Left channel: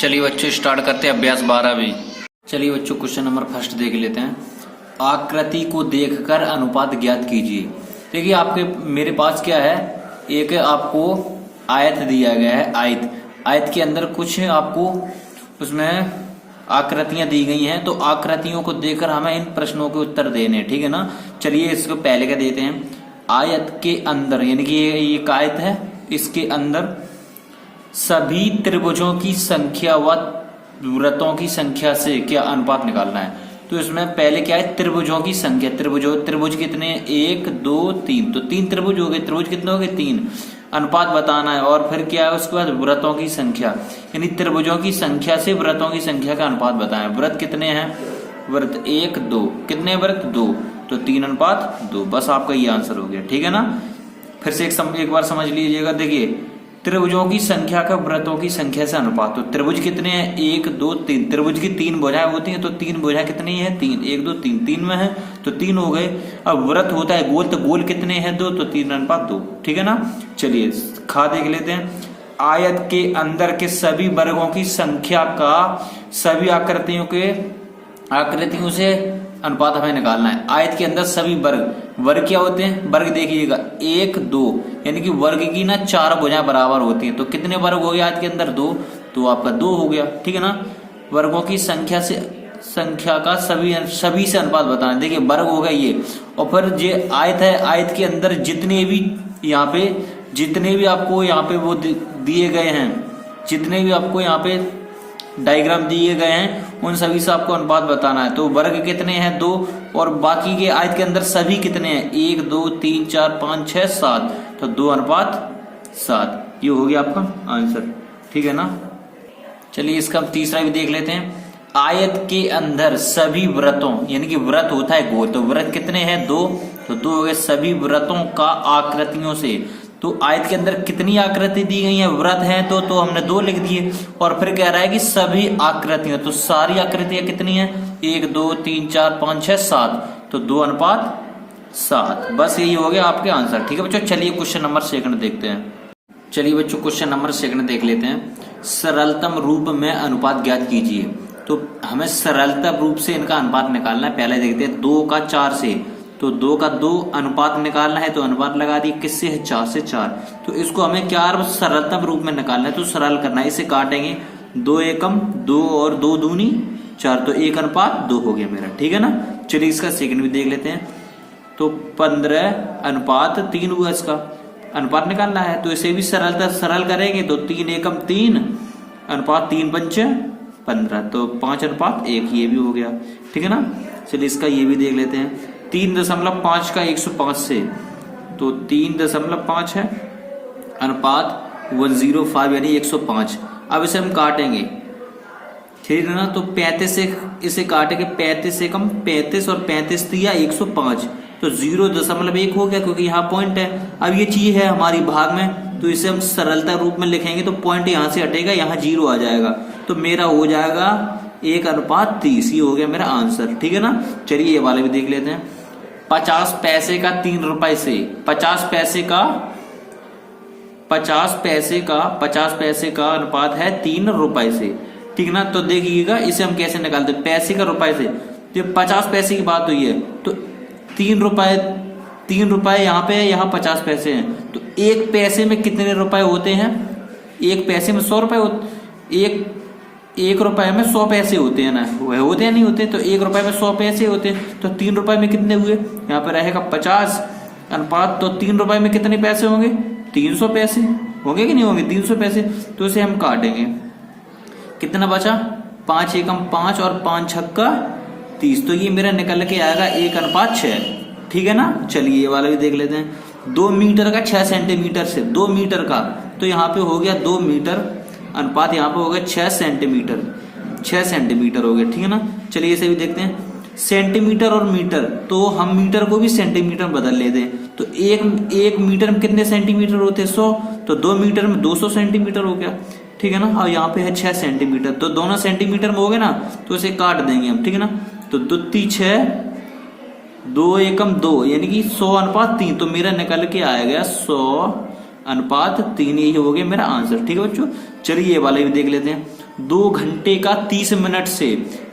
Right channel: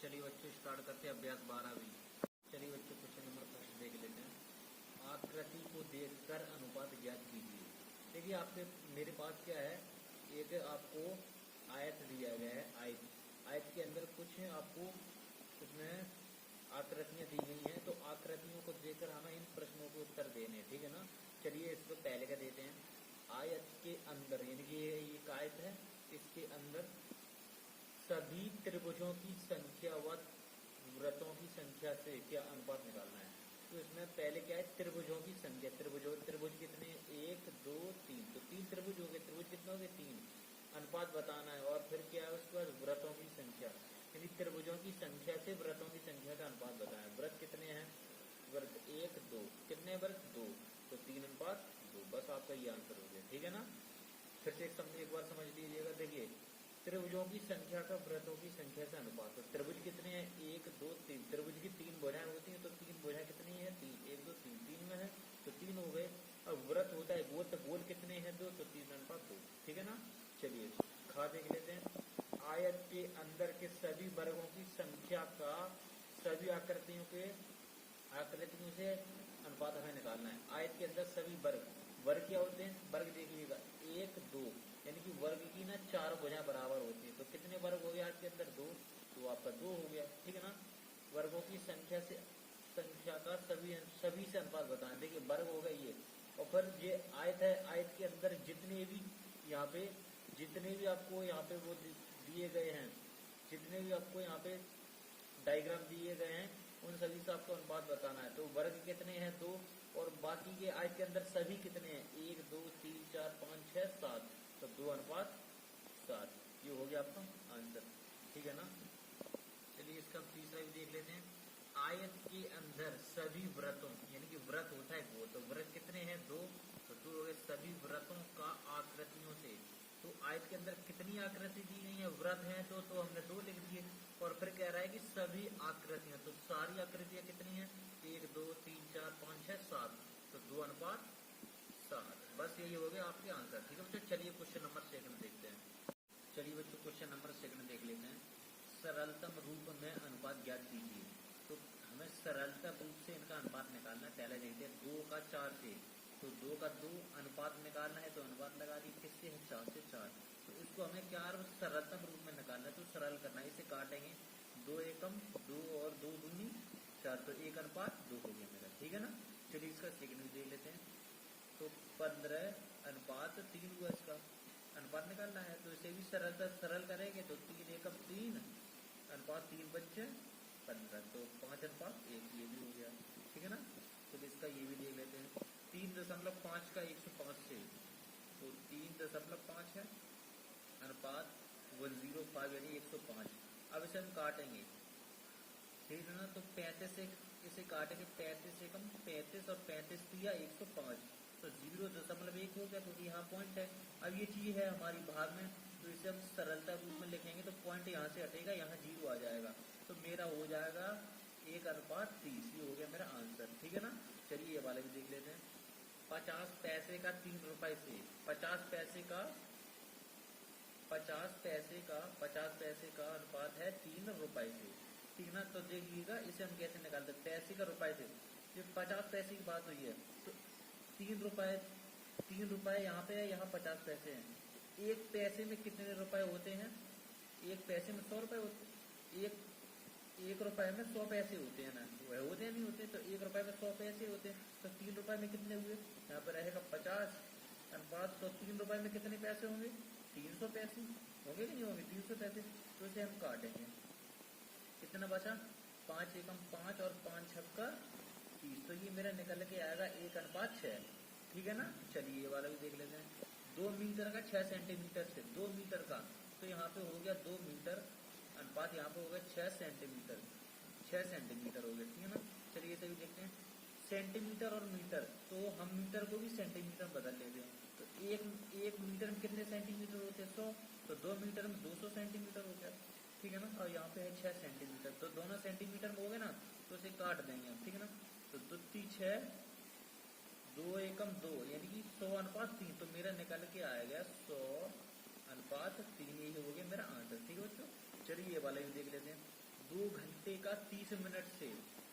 चलिए बच्चों स्टार्ट करते हैं अभ्यास 12 भी। चलिए बच्चों क्वेश्चन नंबर फर्स्ट देख लेते हैं। आकृति को देखकर अनुपात ज्ञात कीजिए। देखिए आपके मेरे पास क्या है, एक आपको आयत दिया गया है। आयत के अंदर कुछ आपको उसमें आकृतियां दी गई हैं, तो आकृतियों को देखकर हमें इन प्रश्नों के उत्तर देने हैं, ठीक है ना। चलिए इसको पहले क्या देते हैं, आयत के अंदर यानी कि ये एक आयत है, इसके अंदर सभी त्रिभुजों की संख्या व वृत्तों की संख्या से क्या अनुपात निकालना है। तो इसमें पहले क्या है, त्रिभुजों की संख्या। त्रिभुज कितने हैं, 1 2 3, तो 3 त्रिभुज हो गए। त्रिभुज कितने हो गए, 3। अनुपात बताना है। और फिर क्या है, उसके बाद वृत्तों की संख्या, यानी त्रिभुजों की संख्या से वृत्तों की संख्या का अनुपात बताएं। वृत्त कितने हैं, वृत्त 1 2, कितने वृत्त 2, तो 3 अनुपात 2। बस आपका ये आंसर हो गया, ठीक है ना। फिर से एक बार समझ लीजिएगा। देखिए त्रिभुजों की संख्या का वृत्तों की संख्या से अनुपात, तो त्रिभुज कितने हैं, 1 2 3। त्रिभुज की 3 भुजाएं होती हैं, तो 3 भुजाएं कितनी है, 3। 1 2 3, 3 में है तो 3 हो गए। अब वृत्त होता है गोल, तो गोल कितने हैं, 2, तो 3 अनुपात 2, ठीक है ना। चलिए खा देख लेते हैं। आयत के अंदर के सभी वर्गों की संख्या का सभी आकृतियों से अनुपात हमें निकालना है। आयत के अंदर सभी वर्ग क्या होते हैं, वर्ग देखिएगा 1 2, यानी कि वर्ग की ना 4 भुजाएं बराबर होती हैं, तो कितने वर्ग हो गए आयत के अंदर, 2, तो आपका 2 हो गया, ठीक है ना। वर्गों की संख्या का सभी से अनुपात बताना। देखिए वर्ग हो गया ये, और फिर ये आयत है, आयत के अंदर जितने भी आपको यहाँ पे वो दिए गए हैं, जितने भी आपको यहाँ पे डायग्राम दिए गए हैं, उन सभी से आपको अनुपात बताना है। तो वर्ग कितने हैं, 2, और बाकी के आयत के अंदर सभी कितने हैं, 1 2 3 4 5 6 7, तो 2 अनुपात 7। ये हो गया आपका आंसर, ठीक है ना। चलिए इसका तीसरा भी देख लेते हैं। आयत के अंदर सभी वृत्तों, यानी कि वृत्त होता है गोल, तो वृत्त कितने हैं, 2, तो 2 हो गए। सभी वृत्तों का आकृतियों से, तो आयत के अंदर कितनी आकृति दी गई है, वृत्त है तो हमने 2 लिख दिए। और फिर कह रहा है कि सभी आकृतियां, तो सारी आकृतियां कितनी है, 1 2 3 4 5 6 7, तो 2 अनुपात 7। बस यही हो गया आपके आंसर, ठीक है बच्चों। चलिए क्वेश्चन नंबर सेकंड देखते हैं। चलिए बच्चों क्वेश्चन नंबर सेकंड देख लेते हैं। सरलतम रूप में अनुपात ज्ञात कीजिए। तो हमें सरलतम रूप से इनका अनुपात निकालना है। पहले देखते हैं 2 का 4 से, तो 2 का 2 अनुपात निकालना है, तो अनुपात लगा दी, किससे है, 4 से 4। तो इसको हमें क्या सरलतम रूप में निकालना है, तो सरल करना है। इसे काटेंगे, 2 एकम 2 और 2 दूनी 4, तो 1 अनुपात 2 हो गया मेरा, ठीक है ना। चलिए इसका सेकंड भी देख लेते हैं। तो 15 अनुपात 3 हुआ, इसका अनुपात निकालना है। तो इसे भी सरल करेंगे, तो 3 एकम 3 अनुपात 3 पंच 15, तो 5 अनुपात 1, ये भी हो गया, ठीक है ना। चलिए इसका ये भी देख लेते हैं। 3.5 का 105 से, तो 3.5 है, अनुपात 105 यानी 105। अब इसे हम काटेंगे, ठीक है ना। तो 35 से इसे काटेंगे, 35 से कम 35, और 35 दिया 105, तो 0.1 हो गया, क्योंकि यहाँ पॉइंट है। अब ये चीज है हमारी भाग में, तो इसे हम सरलता रूप में लिखेंगे, तो पॉइंट यहाँ से हटेगा, यहाँ 0 आ जाएगा, तो मेरा हो जाएगा 1 अनुपात 30। ये हो गया मेरा आंसर, ठीक है ना। चलिए ये वाले भी देख लेते हैं। 50 पैसे का 3 रुपए से, 50 पैसे का अनुपात है 3 रुपए से, ठीक ना। तो देखिएगा इसे हम कैसे निकालते हैं, पैसे का रुपए से। जब 50 पैसे की बात हुई है, तो 3 रुपए यहाँ पे है, यहाँ 50 पैसे हैं, तो 1 पैसे में कितने रुपए होते हैं, 1 पैसे में 100 रुपए होते, 1 रुपए में 100 पैसे होते हैं ना, वह होते हैं नहीं होते, तो 1 रुपए में 100 पैसे होते हैं, तो 3 रुपए में कितने हुए, यहाँ पे रहेगा 50 अनुपात, तो 3 रुपए में कितने पैसे होंगे, 300 पैसे होंगे कि नहीं होंगे, 300 पैसे। तो इसे हम काटेंगे, कितना बचा, 5 एकम 5 और 5 छक्का 30, तो ये मेरा निकल के आएगा 1 अनुपात 6, ठीक है ना। चलिए ये वाला भी देख लेते हैं। 2 मीटर का 6 सेंटीमीटर से, 2 मीटर का, तो यहाँ पे हो गया 2 मीटर, अनुपात यहाँ पे हो गया 6 सेंटीमीटर, 6 सेंटीमीटर हो गया, ठीक है ना। चलिए इसे भी देखते हैं। सेंटीमीटर और मीटर, तो हम मीटर को भी सेंटीमीटर में बदल लेते हैं, तो एक मीटर में कितने सेंटीमीटर होते हैं, 100, तो 2 मीटर में 200 सेंटीमीटर हो गया, ठीक है ना। और यहाँ पे है 6 सेंटीमीटर, तो दोनों सेंटीमीटर में हो गए ना, तो इसे काट देंगे हम, ठीक है ना। तो 2 3 6, 2 एकम 2, यानी कि 100 अनुपात 3, तो मेरा निकल के आया गया 100 अनुपात 3, यही हो गया मेरा आंसर। ठीक है बच्चों, चलिए ये वाला भी देख लेते हैं। 2 घंटे का 30 मिनट से,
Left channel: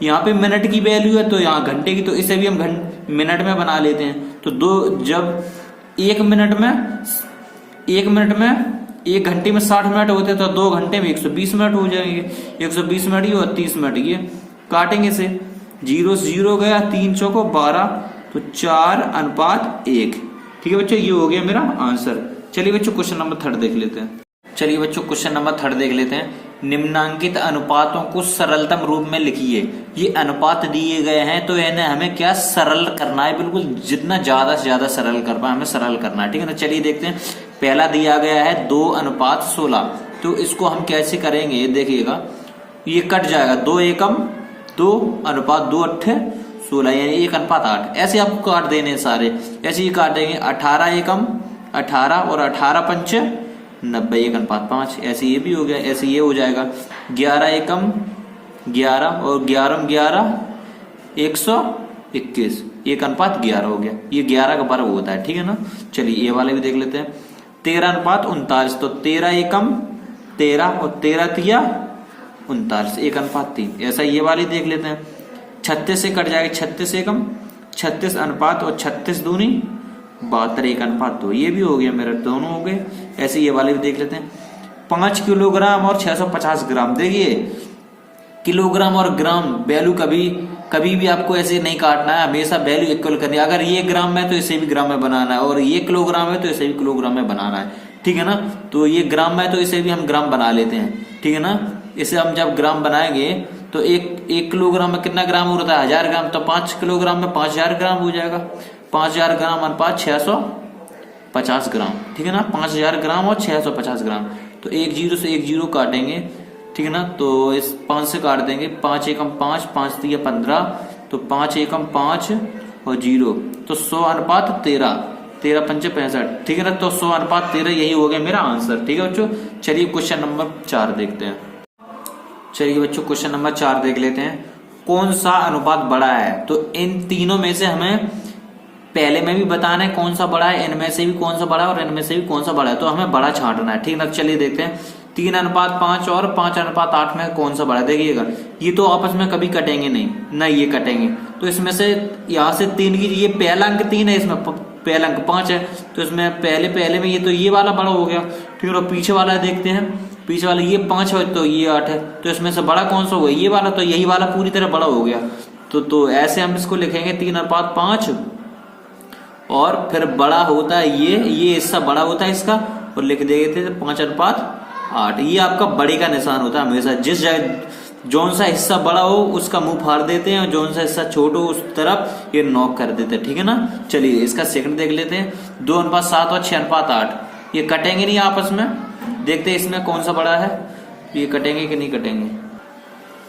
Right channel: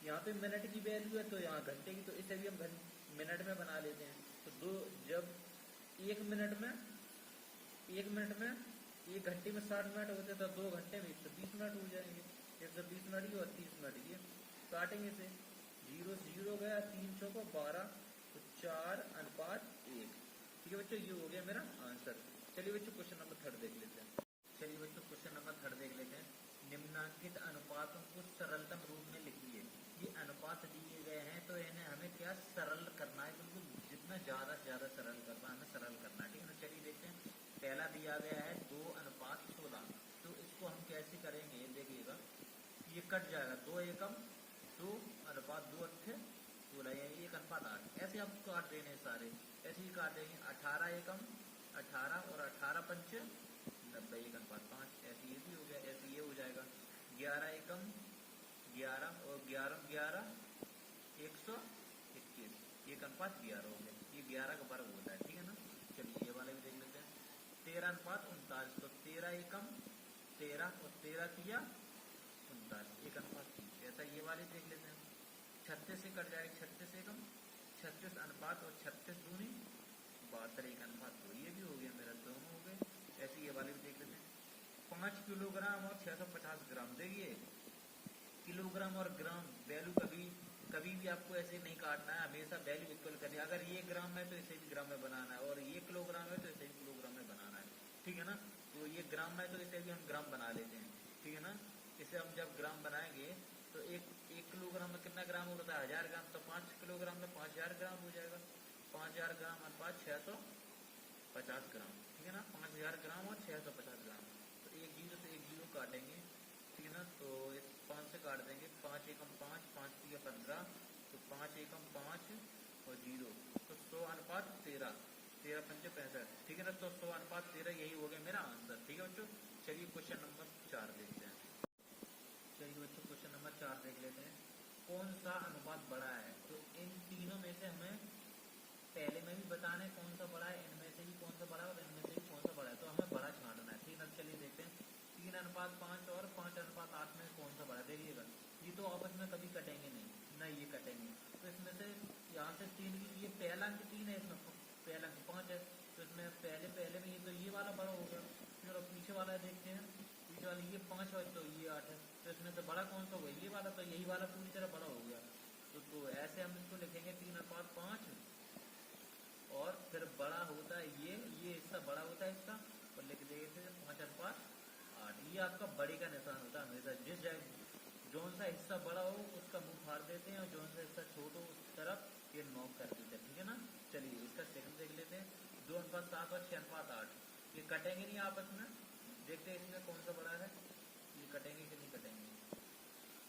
यहाँ पे मिनट की वैल्यू है तो यहाँ घंटे की, तो इसे भी हम मिनट में बना लेते हैं। तो जब 1 मिनट में 1 घंटे में 60 मिनट होते हैं, तो 2 घंटे में 120 मिनट हो जाएंगे। 120 मिनट ये और 30 मिनट ये, काटेंगे से 0 से 0 गया, 3 चौको 12, तो 4:1। ठीक है बच्चों, ये हो गया मेरा आंसर। चलिए बच्चों क्वेश्चन नंबर 3 देख लेते हैं। चलिए बच्चों क्वेश्चन नंबर 3 देख लेते हैं। निम्नांकित अनुपातों को सरलतम रूप में लिखिए। ये अनुपात दिए गए हैं तो इन्हें हमें क्या सरल करना है, बिल्कुल जितना ज्यादा से ज्यादा सरल कर पाए हमें सरल करना है। ठीक है ना, चलिए देखते हैं। पहला दिया गया है 2:16, तो इसको हम कैसे करेंगे देखिएगा, ये कट जाएगा 2 एकम 2:2 8 16, यानी 1:8। ऐसे आपको काट देने सारे, ऐसे ही काटेंगे। 18 एकम 18 और 18 पंच 90, 1:5। ऐसे ये भी हो गया, ऐसे ये हो जाएगा। 11 एकम 11 और 11 121, 1:11 हो गया। ये 11 का वर्ग होता है। ठीक है ना, चलिए ये वाले भी देख लेते हैं। 13:39, तो 13 एकम 13 और 13 तिया 39, 1:3। ऐसा ये वाले देख लेते हैं। 36 से कट जाएगा, 36 एकम 36 अनुपात और 36 दूनी 72, 1:2। ये भी हो गया मेरा, दोनों हो गए। ऐसे ये वाले भी देख लेते हैं। 5 किलोग्राम और 650 ग्राम। देखिए किलोग्राम और ग्राम वैल्यू कभी भी आपको ऐसे नहीं काटना है, हमेशा वैल्यू इक्वल करनी है। अगर ये ग्राम में तो इसे भी ग्राम में बनाना है, और ये किलोग्राम है तो इसे भी किलोग्राम में बनाना है। ठीक है ना, तो ये ग्राम में तो इसे भी हम ग्राम बना लेते हैं। ठीक है ना, इसे हम जब ग्राम बनाएंगे तो एक किलोग्राम में कितना ग्राम होता है, 1000 ग्राम। तो 5 किलोग्राम में 5000 ग्राम हो जाएगा। 5000 ग्राम अनुपात 650 ग्राम। ठीक है ना, 5000 ग्राम और 650 ग्राम। तो 1 0 से 1 0 काटेंगे। ठीक है ना, तो इस 5 से काट देंगे। 5 एकम 5, 5 तिया 15, तो 5 एकम 5 और 0, तो 100:13, 13 पंचे 65। ठीक है ना, तो 100:13 यही हो गया मेरा आंसर। ठीक है बच्चों, चलिए क्वेश्चन नंबर 4 देखते हैं। चलिए बच्चों क्वेश्चन नंबर 4 देख लेते हैं। कौन सा अनुपात बड़ा है, तो इन तीनों में से हमें पहले में भी बताना है कौन सा बड़ा है, इनमें से भी कौन सा बड़ा है और इनमें से भी कौन सा बड़ा है, तो हमें बड़ा छांटना है। ठीक है, चलिए देखते हैं। 3:5 और 5:8 में कौन सा बड़ा है। देखिएगा ये तो आपस में कभी कटेंगे नहीं, ये कटेंगे। तो इसमें से यहाँ से 3 की, ये पहला अंक 3 है, इसमें पहला अंक 5 है, तो इसमें पहले में ये तो ये वाला बड़ा हो गया। ठीक है, और पीछे वाला देखते हैं। पीछे वाला ये 5 है तो ये 8 है, तो इसमें से बड़ा कौन सा हुआ, ये वाला। तो यही वाला पूरी तरह बड़ा हो गया। तो ऐसे हम इसको लिखेंगे 3:5, और फिर बड़ा होता है ये हिस्सा बड़ा होता है इसका, और लिख देते थे 5:8। ये आपका बड़े का निशान होता है हमेशा। जिस जगह जौन सा हिस्सा बड़ा हो उसका मुंह फाड़ देते हैं, और जौन सा हिस्सा छोटा हो उस तरफ ये नॉक कर देते हैं। ठीक है ना, चलिए इसका सेकंड देख लेते हैं। 2:7 और 6:8 ये कटेंगे नहीं आपस में। देखते हैं इसमें कौन सा बड़ा है, ये कटेंगे कि नहीं कटेंगे।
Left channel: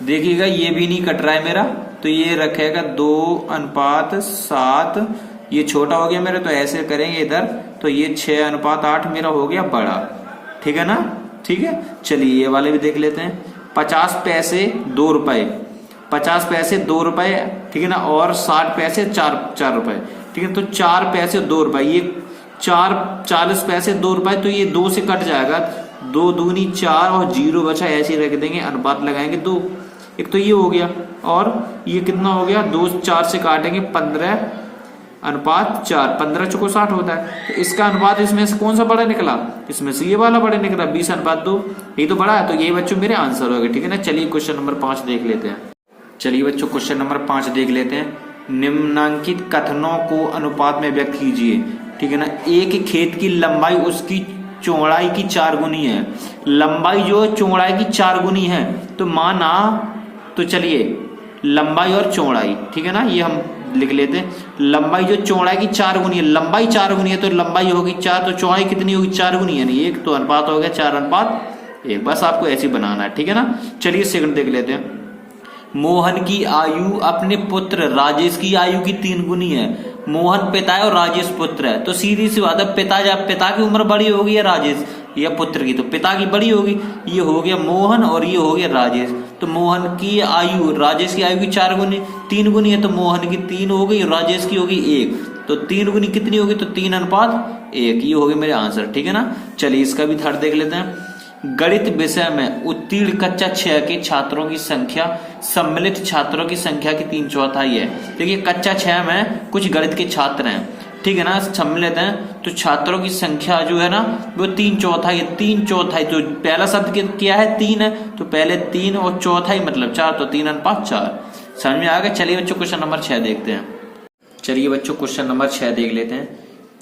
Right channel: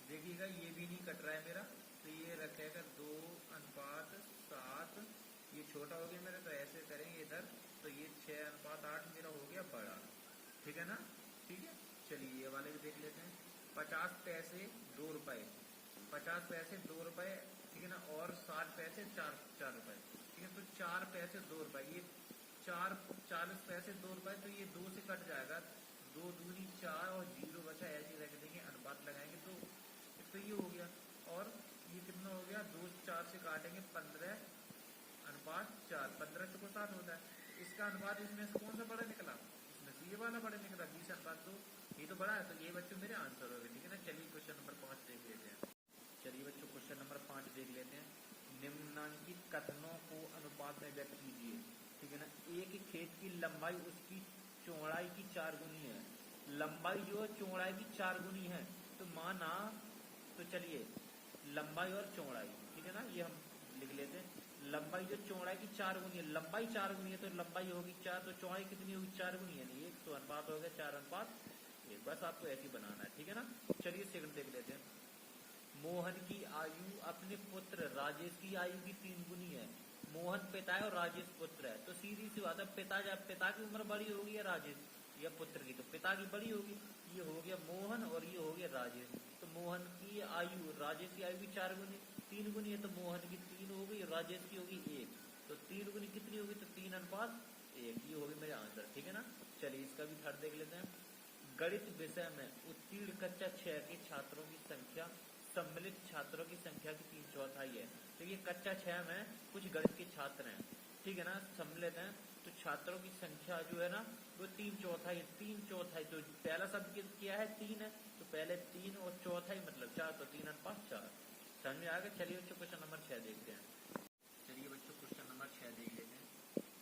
देखिएगा ये भी नहीं कट रहा है मेरा, तो ये रखेगा 2:7, ये छोटा हो गया मेरा, तो ऐसे करेंगे इधर, तो ये 6:8 मेरा हो गया बड़ा। ठीक है ना, ठीक है, चलिए ये वाले भी देख लेते हैं। 50 पैसे 2 रुपए, 50 पैसे 2 रुपए। ठीक है ना, और 60 पैसे 4 रुपए। ठीक है, तो 4 पैसे 2 रुपए, ये 40 पैसे 2 रुपए, तो ये 2 से कट जाएगा। 2 दूनी 4 और 0 बचा, ऐसे ही रख देंगे, अनुपात लगाएंगे 2। एक तो ये हो गया, और ये कितना हो गया, 2 4 से काटेंगे 15:4, 15 चौको 60 होता है। तो इसका अनुपात इसमें से कौन सा बड़ा निकला, इसमें से ये वाला बड़ा निकला, 20:2। यही तो बड़ा है, तो यही बच्चों मेरे आंसर हो गए। ठीक है ना, चलिए क्वेश्चन नंबर 5 देख लेते हैं। चलिए बच्चों क्वेश्चन नंबर 5 देख लेते हैं। निम्नांकित कथनों को अनुपात में व्यक्त कीजिए। ठीक है ना, एक खेत की लंबाई उसकी चौड़ाई की 4 गुनी है। लंबाई जो चौड़ाई की 4 गुनी है, तो माना, तो चलिए लंबाई और चौड़ाई, ठीक है ना, ये हम लिख लेते हैं। लंबाई जो चौड़ाई की 4 गुनी है, लंबाई 4 गुनी है, तो लंबाई होगी 4, तो चौड़ाई कितनी होगी 4 गुनी, यानी 1, तो अनुपात हो गया 4:1। बस आपको ऐसे ही बनाना है। ठीक है ना, चलिए सेकंड देख लेते हैं। मोहन की आयु अपने पुत्र राजेश की आयु की 3 गुनी है। मोहन पिता है और राजेश पुत्र है, तो सीधी सी बात है, पिता की उम्र बड़ी होगी या राजेश या पुत्र की, तो पिता की बड़ी होगी। ये हो गया मोहन और ये हो गया राजेश। तो मोहन की आयु राजेश की आयु की 4 गुनी 3 गुनी है, तो मोहन की 3 हो गई, राजेश की होगी 1। तो 3 गुनी कितनी होगी, तो 3:1। ये हो गया मेरे आंसर, ठीक है ना। चलिए इसका भी थर्ड देख लेते हैं। गणित विषय में उत्तीर्ण कक्षा 6 के छात्रों की संख्या सम्मिलित छात्रों की संख्या की 3/4 है। देखिए कक्षा 6 में कुछ गणित के छात्र हैं, ठीक है ना, सम्मिलित हैं, तो छात्रों की संख्या जो है ना वो 3/4 है। 3/4 तो पहला शब्द क्या है, 3 है, तो पहले 3 और चौथाई मतलब 4, तो 3:4। समझ में आ गया। चलिए बच्चों क्वेश्चन नंबर 6 देखते हैं। चलिए बच्चों क्वेश्चन नंबर 6 देख लेते हैं।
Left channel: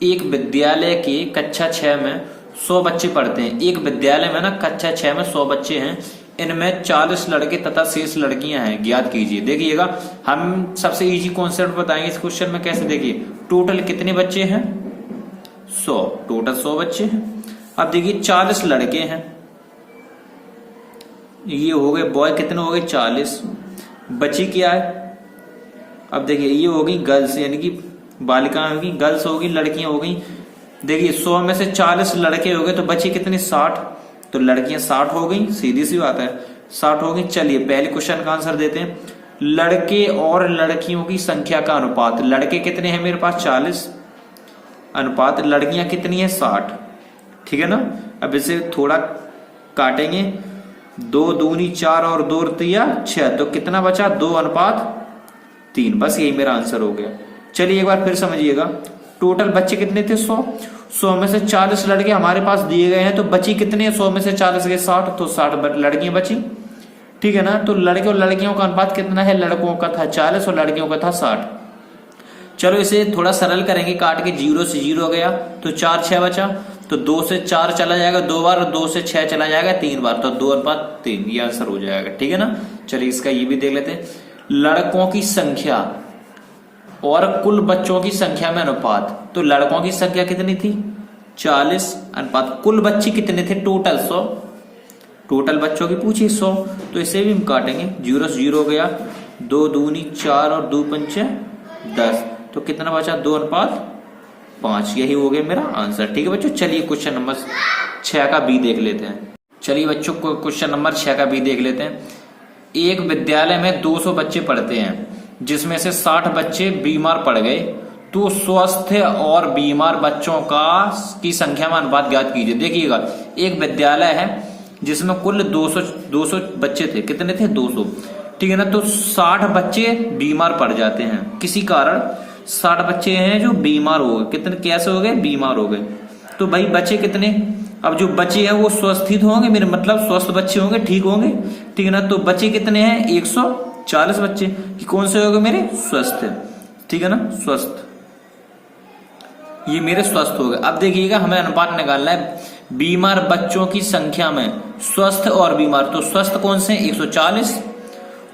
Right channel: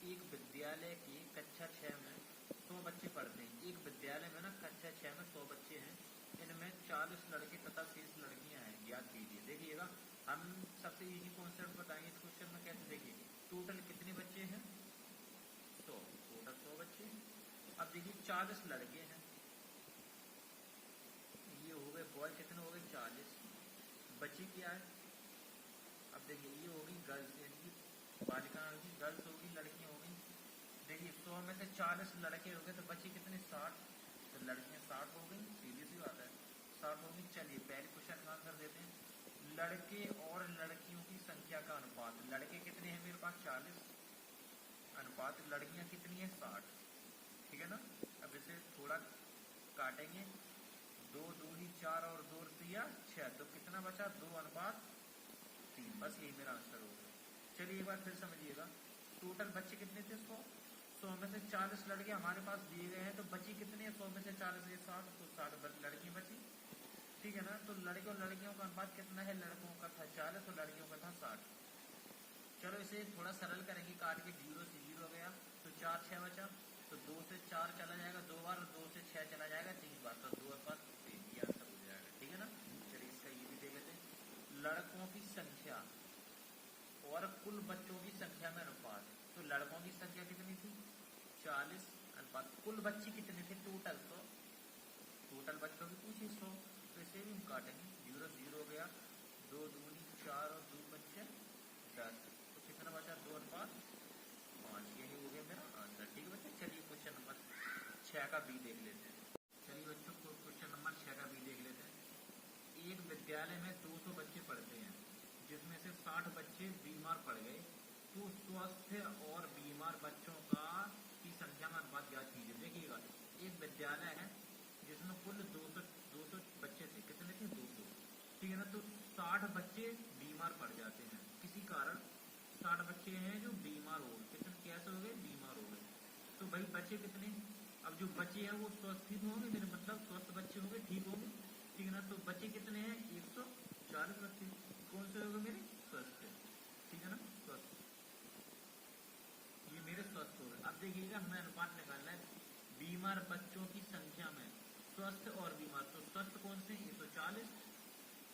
एक विद्यालय के कक्षा 6 में 100 बच्चे पढ़ते हैं। एक विद्यालय में ना कक्षा 6 में 100 बच्चे हैं, इनमें 40 लड़के तथा शेष लड़कियां हैं, ज्ञात कीजिए। देखिएगा हम सबसे इजी कॉन्सेप्ट बताएंगे इस क्वेश्चन में। कैसे, देखिए टोटल कितने बच्चे हैं, 100, टोटल 100 बच्चे हैं। अब देखिए 40 लड़के हैं, ये हो गए बॉय, कितने हो गए 40। बची क्या है, अब देखिए ये होगी गर्ल्स, यानी कि बालिकाएं होगी, गर्ल्स होगी, लड़कियां हो गई। देखिए 100 में से 40 लड़के हो गए तो बची कितनी, 60, तो लड़कियां 60 हो गई, सीधी सी बात है 60 हो गई। चलिए पहले क्वेश्चन का आंसर देते हैं। लड़के और लड़कियों की संख्या का अनुपात, लड़के कितने हैं मेरे पास 40, अनुपात लड़कियां कितनी है 60, ठीक है ना। अब इसे थोड़ा काटेंगे, 2 दूनी 4 और 2 तिया 6, तो कितना बचा 2:3। बस यही मेरा आंसर हो गया। चलिए एक बार फिर समझिएगा, टोटल बच्चे कितने थे 100 में से 40 लड़के हमारे पास दिए गए हैं, तो बची कितने 100 में से 40 के 60, तो 60 लड़कियां बची, ठीक है ना। तो लड़के और लड़कियों का अनुपात कितना है, लड़कों का था 40 और लड़कियों का था 60। चलो इसे थोड़ा सरल करेंगे, काट के 0 से 0 गया तो 4 6 बचा, तो 2 से 4 चला जाएगा 2 बार, 2 से 6 चला जाएगा 3 बार, तो 2:3 ये आंसर हो जाएगा, ठीक है ना। चलिए इसका ये भी देख लेते हैं। लड़कों की संख्या और कुल बच्चों की संख्या में अनुपात, तो लड़कों की संख्या कितनी थी 40, अनुपात कुल बच्चे कितने थे टोटल 100, टोटल बच्चों की पूछी 100, तो इसे भी हम काटेंगे, 0 से 0 गया, 2 दूनी 4 और 2 पंचे 10, तो कितना बचा 2:5, यही हो गया मेरा आंसर, ठीक है बच्चों। चलिए क्वेश्चन नंबर 6 का बी देख लेते हैं। चलिए बच्चों को क्वेश्चन नंबर 6 का बी देख लेते हैं। एक विद्यालय में 200 बच्चे पढ़ते हैं, जिसमें से 60 बच्चे बीमार पड़ गए, तो स्वस्थ और बीमार बच्चों की संख्या में अनुपात ज्ञात कीजिए। देखिएगा एक विद्यालय है जिसमें कुल 200 बच्चे थे, कितने थे 200, ठीक है ना। तो 60 बच्चे बीमार पड़ जाते हैं, किसी कारण 60 बच्चे हैं जो बीमार हो गए, कितने कैसे हो गए, बीमार हो गए, तो भाई बचे कितने, अब जो बचे हैं वो स्वस्थित होंगे, मेरे मतलब स्वस्थ बच्चे होंगे, ठीक होंगे, ठीक है ना। तो बचे कितने हैं 140 बच्चे, कि कौन से हो गए मेरे स्वस्थ, ठीक है ना, स्वस्थ, ये मेरे स्वस्थ हो गए। अब देखिएगा हमें अनुपात निकालना है बीमार बच्चों की संख्या में, स्वस्थ और बीमार, तो स्वस्थ कौन से 140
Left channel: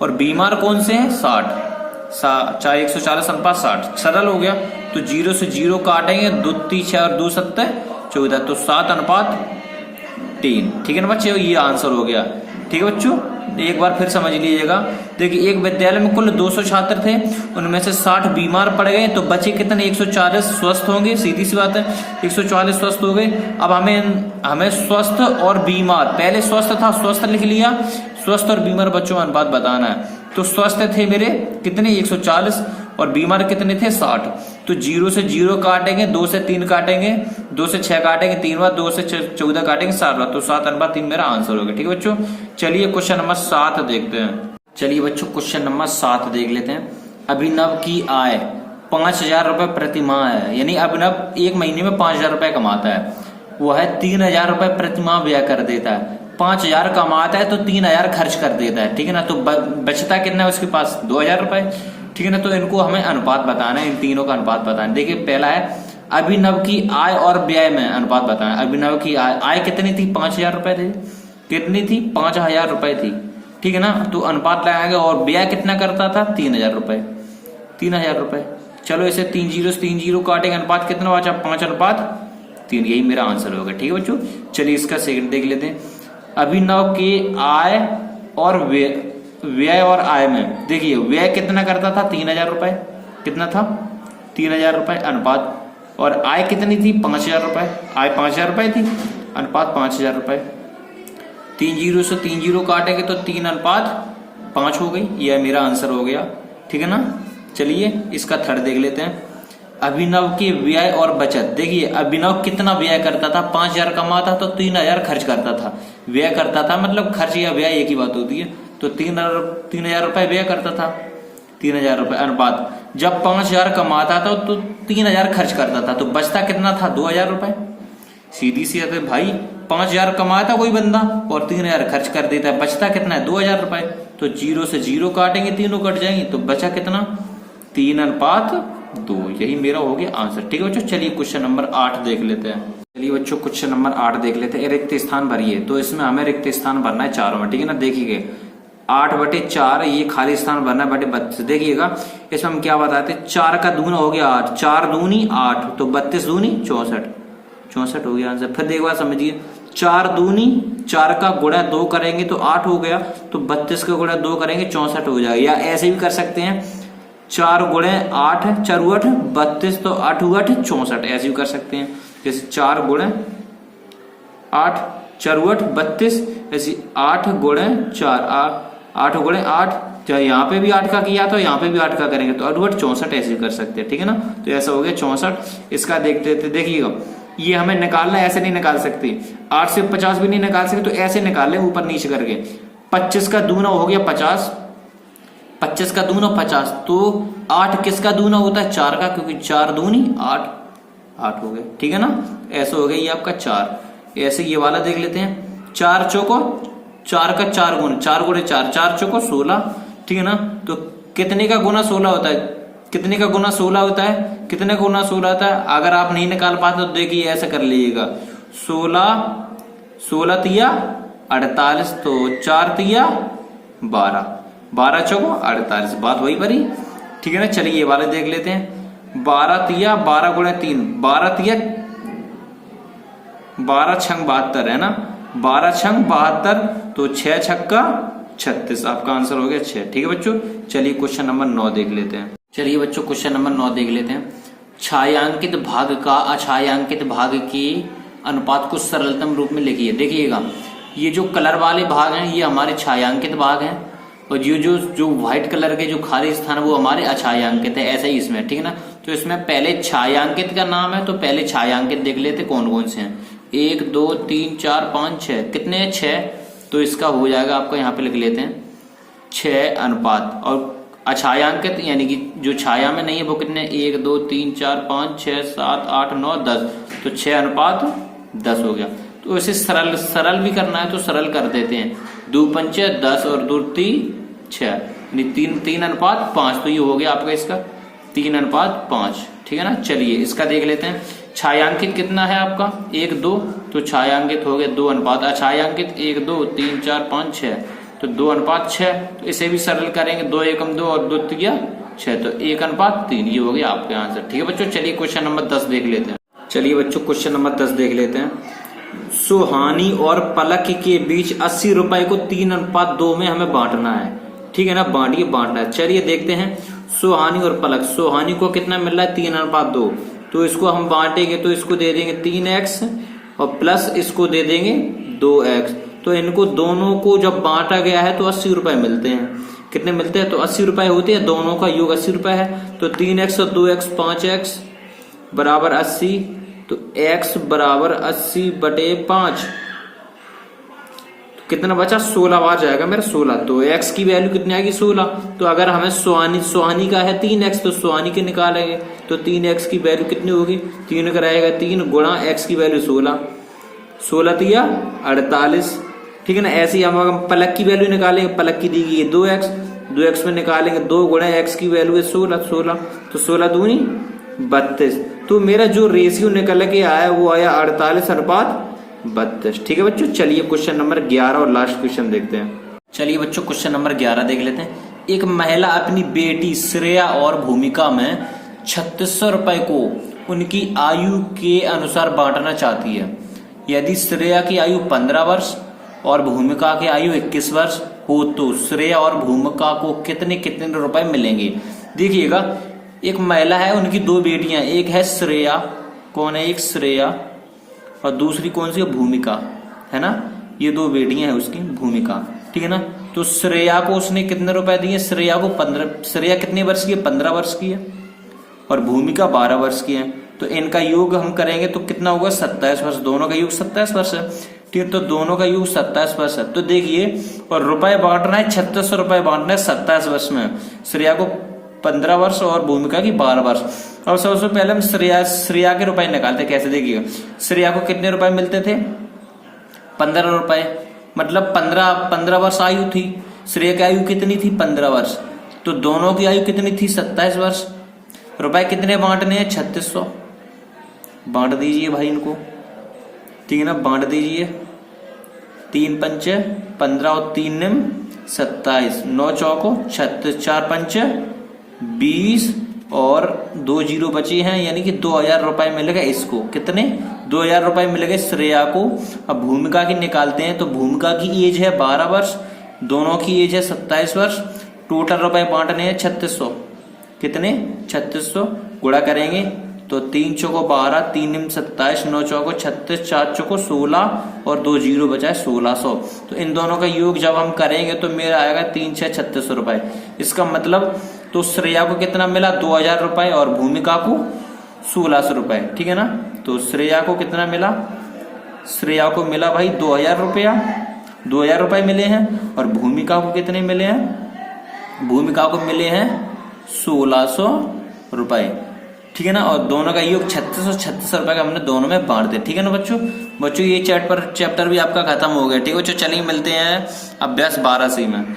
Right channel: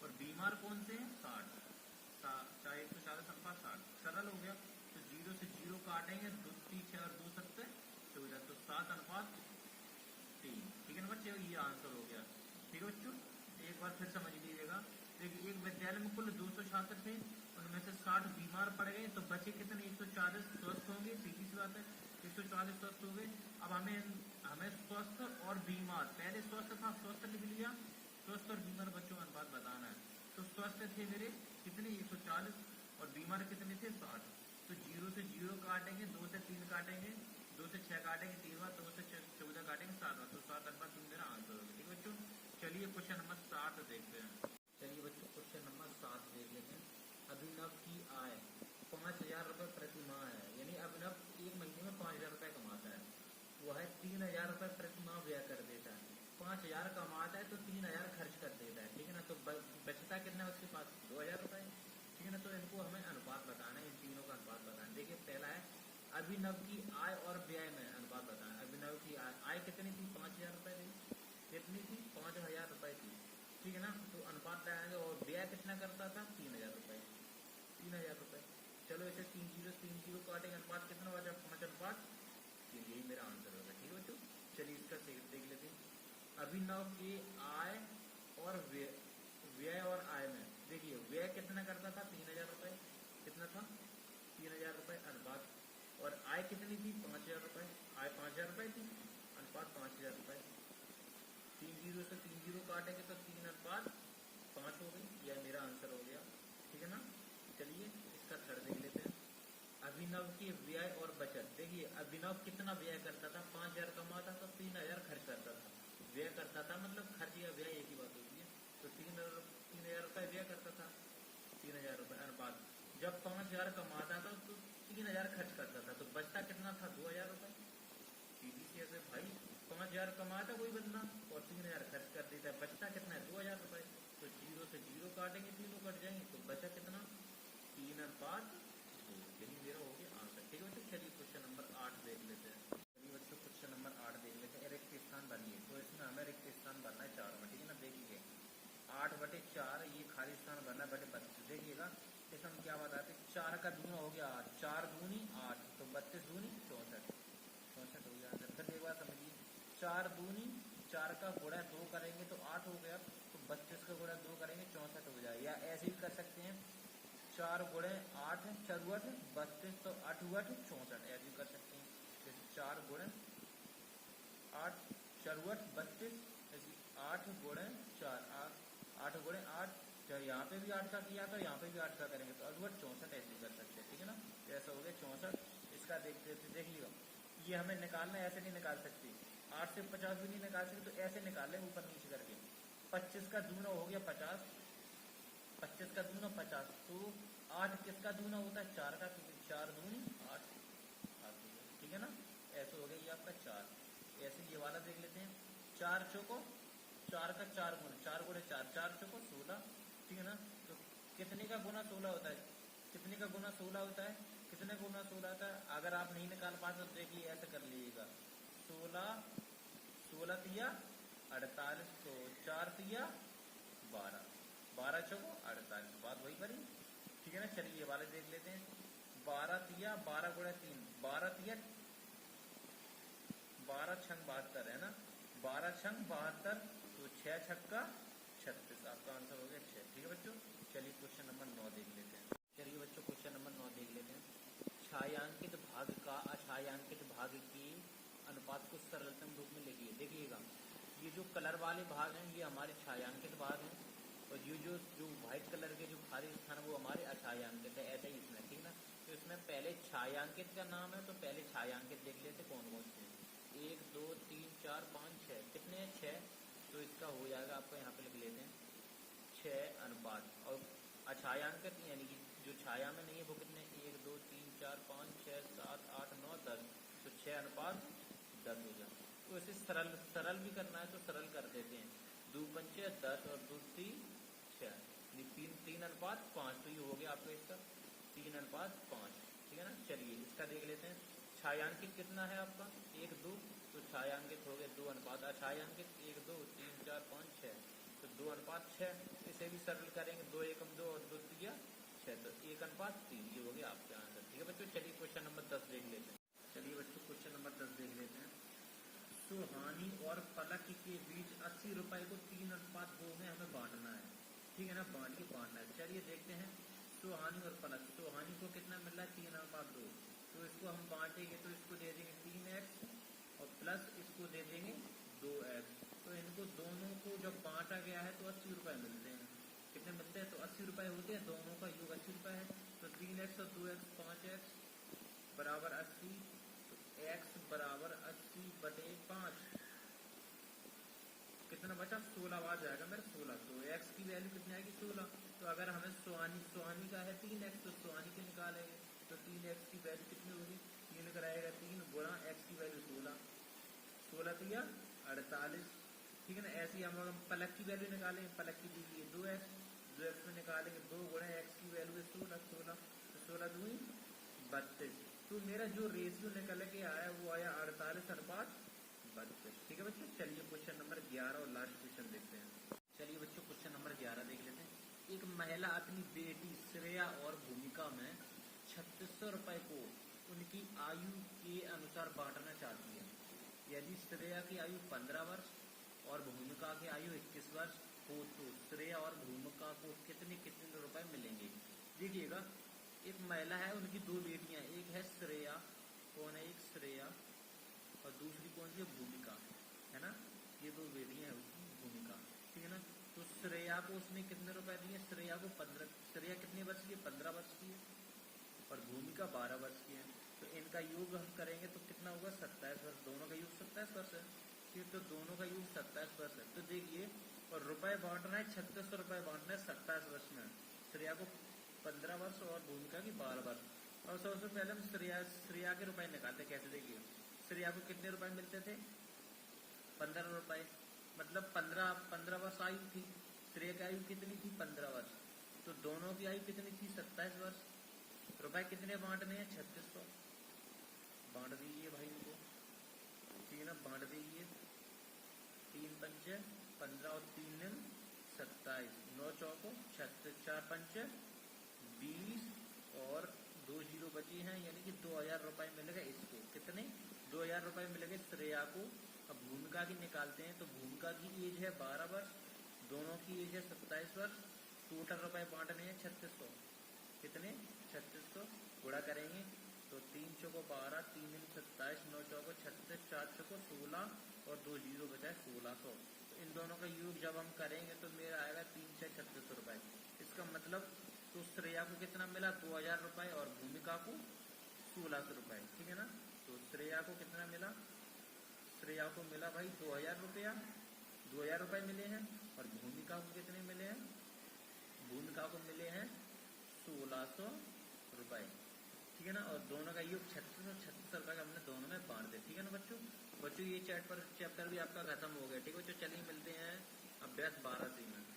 और बीमार कौन से हैं 60, चाहे 140 अनुपात 60, सरल हो गया। तो 0 से 0 काटेंगे, 2 3 6 और 2 7 14, तो 7:3, ठीक है ना बच्चे, ये आंसर हो गया, ठीक है बच्चों। एक बार फिर समझ लीजिएगा, देखिए एक विद्यालय में कुल 200 छात्र थे, उनमें से 60 बीमार पड़ गए, तो बचे कितने 140 स्वस्थ होंगे, सीधी सी बात है 140 स्वस्थ हो गए। अब हमें स्वस्थ और बीमार, पहले स्वस्थ था स्वस्थ लिख लिया, स्वस्थ और बीमार बच्चों का अनुपात बताना है। तो स्वस्थ थे मेरे कितने 140 और बीमार कितने थे 60, तो 0 से 0 काटेंगे, 2 से 3 काटेंगे, 2 से 6 काटेंगे 3 बार, 2 से 14 काटेंगे 7 बार, तो 7:3 मेरा आंसर हो गया, ठीक है बच्चों। चलिए क्वेश्चन नंबर 7 देखते हैं। चलिए बच्चों क्वेश्चन नंबर 7 देख लेते हैं। अभिनव की आय 5,000 रुपए प्रति माह है, यानी अभिनव एक महीने में 5,000 रुपए कमाता है, वह 3,000 रुपए प्रति माह व्यय कर देता है। 5,000 कमाता है तो 3,000 खर्च कर देता है, ठीक है ना। तो बचता कितना है उसके पास 2,000 रुपए, ठीक है ना। तो इनको हमें अनुपात बताना है, इन तीनों का अनुपात बताना है। देखिए पहला है अभिनव की आय और व्यय में अनुपात बताना है। अभिनव की आय कितनी थी 5,000 रुपए थी, कितनी थी 5,000 रुपए थी, ठीक है ना। तो अनुपात लगाएंगे, और व्यय कितना करता था 3,000 रुपए, 3,000 रुपए। चलो इसे 3 0 से 3 0 काटेंगे, अनुपात कितना बचा 5:3, यही मेरा आंसर होगा, ठीक है बच्चों। चलिए इसका सेकंड देख लेते हैं। अभिनव की आय और व्यय और आय में, देखिए व्यय कितना करता था 3,000 रुपए, कितना था 3,000 रुपए अनुपात, और आय कितनी थी 5,000 रुपए, आय 5,000 रुपए थी, अनुपात 5,000 रुपए। 3 0 से 3 0 काटेंगे तो 3:5 हो गई, यह मेरा आंसर हो गया, ठीक है ना। चलिए इसका थर्ड देख लेते हैं। अभिनव के व्यय और बचत। देखिए अभिनव कितना व्यय करता था, 5,000 कमाता तो 3,000 खर्च करता था। व्यय करता था मतलब खर्च या व्यय एक ही बात होती है। तो 3,000 रुपए व्यय करता था, 3,000 रुपए अनुपात। जब 5,000 कमाता था तो 3,000 खर्च करता था, तो बचता कितना था, 2,000 रुपए। सीधी सी बात है भाई, 5,000 कमाता कोई बंदा और 3,000 खर्च कर देता है, बचता कितना है, 2,000 रुपए। तो 0 से 0 काटेंगे, तीनों कट जाएंगे, तो बचा कितना, 3:2। यही मेरा हो गया आंसर। ठीक है बच्चों, चलिए क्वेश्चन नंबर 8 देख लेते हैं। चलिए बच्चों क्वेश्चन नंबर 8 देख लेते हैं। रिक्त स्थान भरिए। तो इसमें हमें रिक्त स्थान भरना है चारों में। ठीक है ना, देखिए 8/4 ये खाली स्थान भरना है बटे 32। देखिएगा इसमें हम क्या बताते हैं, 4 का दूना हो गया 8, 4 दूनी 8, तो 32 दूनी 64 हो गया आंसर। फिर एक बार समझिए, 4 दूनी 4 का गुणा 2 करेंगे तो 8 हो गया, तो 32 का गुणा 2 करेंगे 64 हो जाएगा। या ऐसे भी कर सकते हैं, 4 गुणे 8 4 8 32, तो 8 8 64, ऐसे भी कर सकते हैं। जैसे 4 गुणे 8 4 8 32, ऐसे 8 गुणे 4 8 गुणे 8, चाहे यहाँ पे भी 8 का किया तो यहाँ पे भी 8 का करेंगे तो 8 8 64, ऐसे भी कर सकते हैं। ठीक है ना, तो ऐसा हो गया 64। इसका देखते थे, देखिएगा ये हमें निकालना है, ऐसे नहीं निकाल सकते, 8 से 50 भी नहीं निकाल सकते, तो ऐसे निकाल ले ऊपर नीचे करके। 25 का दूना हो गया 50, 25 का दूना 50, तो 8 किसका दूना होता है, 4 का, क्योंकि 4 दूनी 8 हो गया। ठीक है ना, ऐसा हो गया ये आपका 4। ऐसे ये वाला देख लेते हैं, 4 चौको 4 का 4 गुना, 4 गुणे 4, 4 चौको 16। ठीक है ना, तो कितने का गुना 16 होता है, कितने का गुना 16 होता है, कितने का गुना 16 होता है। अगर आप नहीं निकाल पाते तो देखिए ऐसा कर लीजिएगा, 16 तिया 48, तो 4 तिया 12, 12 चौको 48, बात वही परी। ठीक है ना, चलिए ये वाले देख लेते हैं, 12 तिया 12 गुणे 3, 12 तिया 12 छंग 72 है ना, 12 छंग 72, तो 6 छक्का 36, आपका आंसर हो गया 6। ठीक है बच्चों, चलिए क्वेश्चन नंबर 9 देख लेते हैं। चलिए बच्चों क्वेश्चन नंबर 9 देख लेते हैं। छायांकित भाग का अछायांकित भाग के अनुपात को सरलतम रूप में लिखिए। देखिएगा ये जो कलर वाले भाग हैं ये हमारे छायांकित भाग हैं, और ये जो व्हाइट कलर के जो खाली स्थान है वो हमारे अछायांकित है। ऐसा ही इसमें, ठीक है ना, तो इसमें पहले छायांकित का नाम है, तो पहले छायांकित देख लेते कौन कौन से हैं। 1 2 3 4 5 6, कितने हैं, 6, तो इसका हो जाएगा आपका, यहाँ पे लिख लेते हैं 6 अनुपात। और अछायांकित यानी कि जो छाया में नहीं है वो कितने, 1 2 3 4 5 6 7 8 9 10, तो 6 अनुपात 10 हो गया। तो इसे सरल भी करना है तो सरल कर देते हैं, 2 पंच 10 और 2 3 6, यानी 3 अनुपात 5, तो ये हो गया आपका इसका 3 अनुपात 5। ठीक है ना, चलिए इसका देख लेते हैं। छायांकित कितना है आपका, 1 2, तो छायांकित हो गया 2 अनुपात, अछायांकित 1 2 3 4 5 6, तो 2 अनुपात 6, तो इसे भी सरल करेंगे, 2 एकम 2 और 2 तिया 6, तो 1 अनुपात 3, ये हो गया आपके आंसर। ठीक है बच्चों, चलिए क्वेश्चन नंबर 10 देख लेते हैं। चलिए बच्चों क्वेश्चन नंबर 10 देख लेते हैं। सुहानी और पलक के बीच 80 रुपए को 3:2 में हमें बांटना है। ठीक है ना, बांटना है। चलिए देखते हैं, सुहानी और पलक, सुहानी को कितना मिल रहा है, 3:2, तो इसको हम बांटेंगे तो इसको दे देंगे 3x और प्लस इसको दे देंगे 2x, तो इनको दोनों को जब बांटा गया है तो 80 रुपए मिलते हैं। कितने मिलते हैं, तो 80 रुपए होते हैं, दोनों का योग 80 रुपए है, तो 3x और 2x 5x बराबर 80, तो x बराबर 80/5, कितना बचा, 16 बार जाएगा मेरा 16, तो x की वैल्यू कितनी आएगी, 16। तो अगर हमें सुहानी का है 3x, तो सुहानी के निकालेंगे तो 3x की वैल्यू कितनी होगी, 3 का रहेगा 3 गुणा x की वैल्यू 16, 16 तिया 48। ठीक है ना, ऐसे ही हम पलक की वैल्यू निकालेंगे, पलक की दी गई है 2x में निकालेंगे 2 गुणा x की वैल्यू है 16, तो 16 दूनी 32, तो मेरा जो रेशियो निकल के आया वो आया 48:32। ठीक है बच्चों, चलिए क्वेश्चन नंबर 11 और लास्ट क्वेश्चन देखते हैं। चलिए बच्चों क्वेश्चन नंबर 11 देख लेते हैं। एक महिला अपनी बेटी श्रेया और भूमिका में 3600 रुपए को उनकी आयु के अनुसार बांटना चाहती है। यदि श्रेया की आयु 15 वर्ष और भूमिका की आयु 21 वर्ष हो तो श्रेया और भूमिका को कितने कितने रुपए मिलेंगे। देखिएगा एक महिला है, उनकी 2 बेटियां, एक है श्रेया, कौन है, एक श्रेया और दूसरी कौन सी है, भूमिका, है ना, ये 2 बेटियां हैं उसकी, भूमिका। ठीक है ना, तो श्रेया को उसने कितने रुपए दिए, श्रेया को 15, श्रेया कितने वर्ष की है, 15 वर्ष की है, और भूमिका 12 वर्ष की है, तो इनका योग हम करेंगे तो कितना होगा 27 वर्ष, दोनों का योग 27 वर्ष है। ठीक है, तो दोनों का योग 27 वर्ष है। तो देखिए, और रुपए बांटना है 3600 रुपए बांटना है 27 वर्ष में, श्रेया को 15 वर्ष और भूमिका की 12 वर्ष। अब सबसे पहले हम श्रेया के रुपए निकालते, कैसे देखिएगा, श्रेया को कितने रुपए मिलते थे 15 रुपए, मतलब 15 वर्ष आयु थी। श्रेया की आयु कितनी थी 15 वर्ष, तो दोनों की आयु कितनी थी 27 वर्ष। रुपए कितने बांटने हैं 3600, बांट दीजिए भाई इनको, ठीक है ना, बांट दीजिए। 3 पंचे 15 और 3 निम 27, 9 चौको 36, 4 पंचे 20 और 2 जीरो बचे हैं, यानी कि 2000 रुपए मिलेगा इसको। कितने 2000 रुपए मिलेंगे श्रेया को। अब भूमिका की निकालते हैं, तो भूमिका की एज है 12 वर्ष, दोनों की एज है 27 वर्ष। टोटल रुपए बांटने हैं 3600, कितने 3600 गुणा करेंगे तो 3 चौको 12, 3 निम 27, 9 चौको 36, 4 चौको 16 और 2 जीरो बचा है 1600। तो इन दोनों का योग जब हम करेंगे तो मेरा आएगा 3 6 3600 रुपए। इसका मतलब तो श्रेया को कितना मिला 2000 रुपए और भूमिका को 1600 रुपए, ठीक है ना। तो श्रेया को कितना मिला, श्रेया को मिला भाई 2000 रुपया, 2000 रुपए मिले हैं, और भूमिका को कितने मिले हैं, भूमिका को मिले हैं 1600 रुपए, ठीक है ना। और दोनों का योग 3600 रुपए का हमने दोनों में बांट दिया, ठीक है ना बच्चों। ये चैप्टर भी आपका खत्म हो गया, ठीक है बच्चों। चलिए मिलते हैं अभ्यास 12 से में।